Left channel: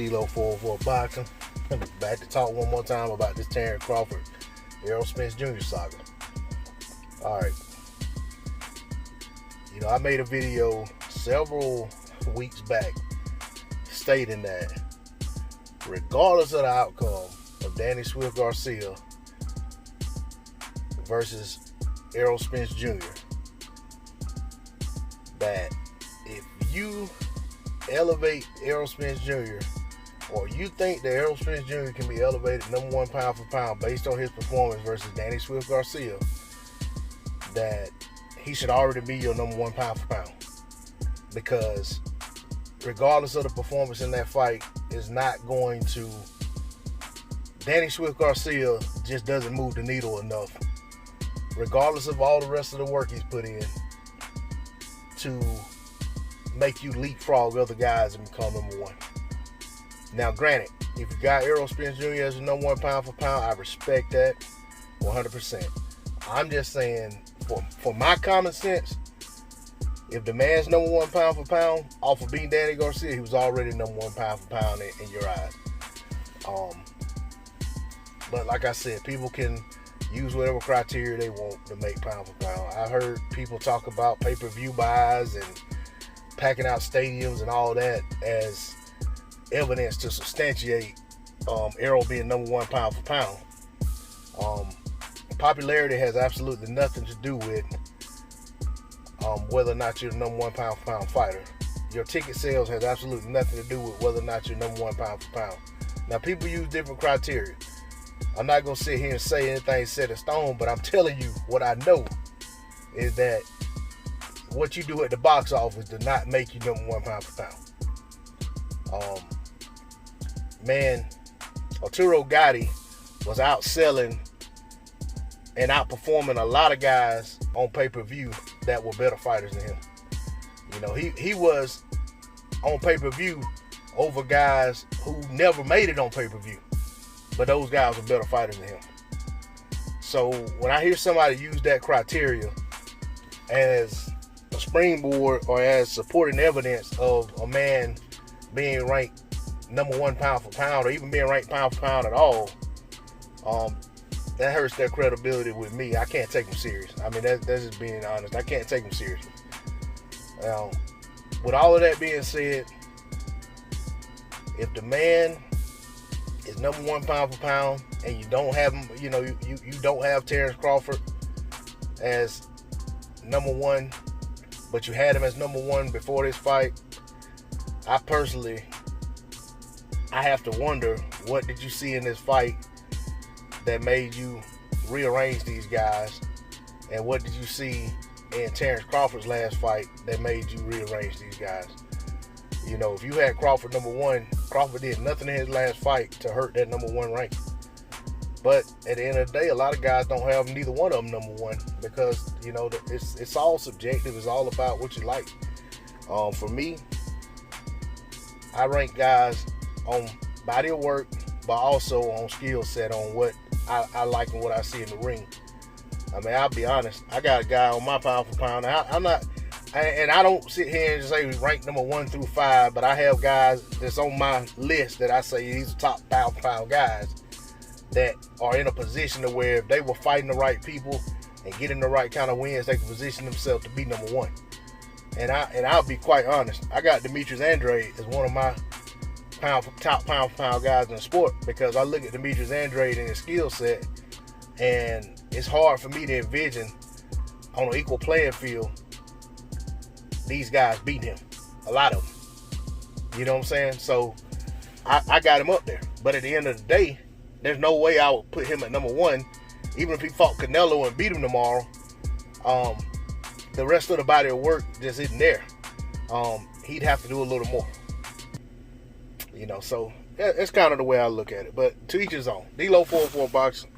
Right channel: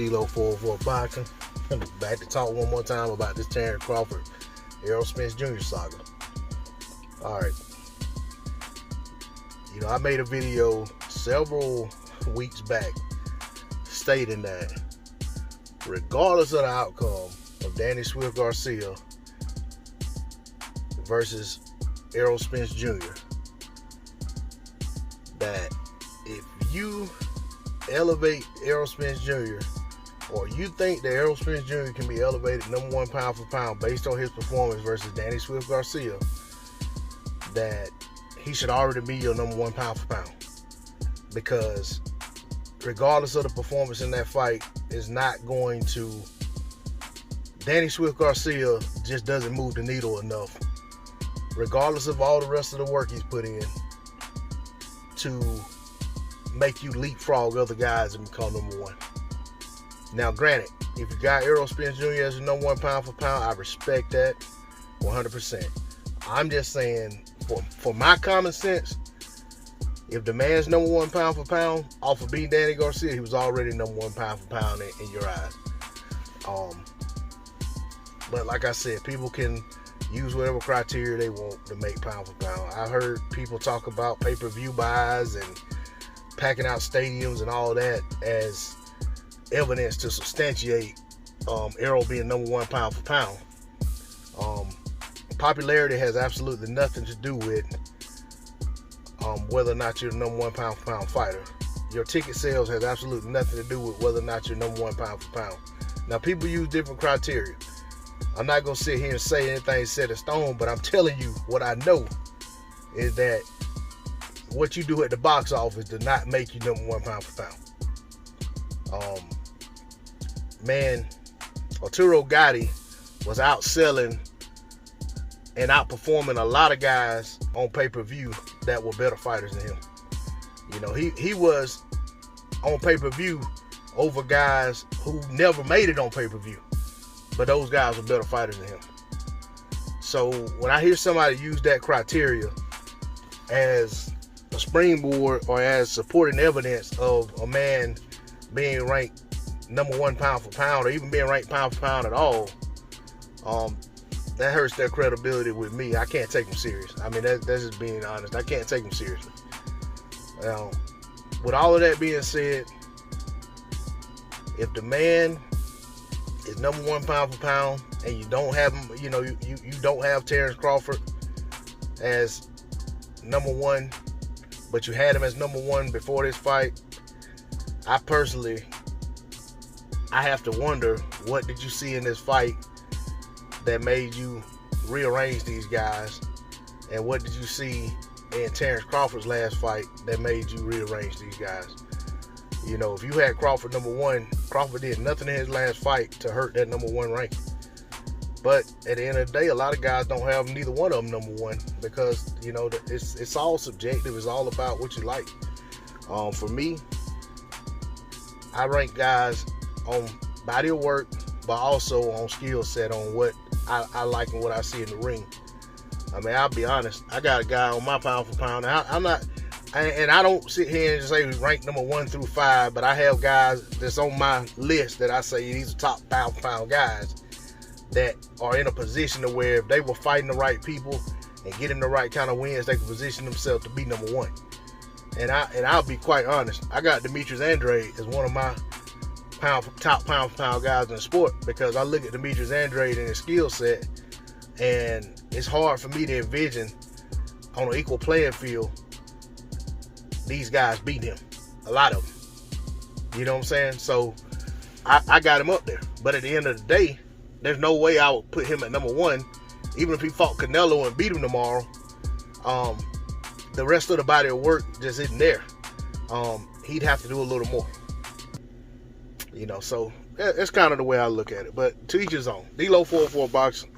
D-Lo 404 Boxing. I'm back to talk one more time about this Terrence Crawford, Errol Spence Jr. saga. Alright. I made a video several weeks back stating that regardless of the outcome of Danny Swift Garcia versus Errol Spence Jr., that if you elevate Errol Spence Jr., or you think that Errol Spence Jr. can be elevated number one pound for pound based on his performance versus Danny Swift Garcia, that he should already be your number one pound for pound. Because regardless of the performance in that fight, is not going to... Danny Swift Garcia just doesn't move the needle enough, regardless of all the rest of the work he's put in, to make you leapfrog other guys and become number one. Now, granted, if you got Errol Spence Jr. as your number one pound for pound, I respect that 100%. I'm just saying, for my common sense, if the man's number one pound for pound off of beating Danny Garcia, he was already number one pound for pound in your eyes. But like I said, people can use whatever criteria they want to make pound for pound. I heard people talk about pay-per-view buys and packing out stadiums and all that as evidence to substantiate Errol being number one pound for pound. Popularity has absolutely nothing to do with whether or not you're the number one pound for pound fighter. Your ticket sales has absolutely nothing to do with whether or not you're number one pound for pound. Now, people use different criteria. I'm not going to sit here and say anything set in stone, but I'm telling you what I know is that what you do at the box office does not make you number one pound for pound. Man, Arturo Gatti was outselling and outperforming a lot of guys on pay-per-view that were better fighters than him. He was on pay-per-view over guys who never made it on pay-per-view, but those guys were better fighters than him. So when I hear somebody use that criteria as a springboard or as supporting evidence of a man being ranked number one pound for pound, or even being ranked pound for pound at all, that hurts their credibility with me. I can't take them serious. I mean, that's just being honest. I can't take them seriously. With all of that being said, if the man is number one pound for pound and you don't have him, you don't have Terrence Crawford as number one, but you had him as number one before this fight, I have to wonder, what did you see in this fight that made you rearrange these guys? And what did you see in Terrence Crawford's last fight that made you rearrange these guys? If you had Crawford number one, Crawford did nothing in his last fight to hurt that number one rank. But at the end of the day, a lot of guys don't have neither one of them number one, because, it's all subjective. It's all about what you like. For me, I rank guys on body of work, but also on skill set, on what I like and what I see in the ring. I mean, I'll be honest, I got a guy on my pound for pound. I don't sit here and say rank number 1 through 5, but I have guys that's on my list that I say these are top pound for pound guys that are in a position to where if they were fighting the right people and getting the right kind of wins, they can position themselves to be number 1. And I'll be quite honest, I got Demetrius Andrade as one of my top pound for pound guys in the sport, because I look at Demetrius Andrade and his skill set, and it's hard for me to envision on an equal playing field these guys beating him. A lot of them. You know what I'm saying? So I got him up there. But at the end of the day, there's no way I would put him at number 1. Even if he fought Canelo and beat him tomorrow, the rest of the body of work just isn't there. He'd have to do a little more. So that's kind of the way I look at it. But to each his own. D-Lo 404 Boxing.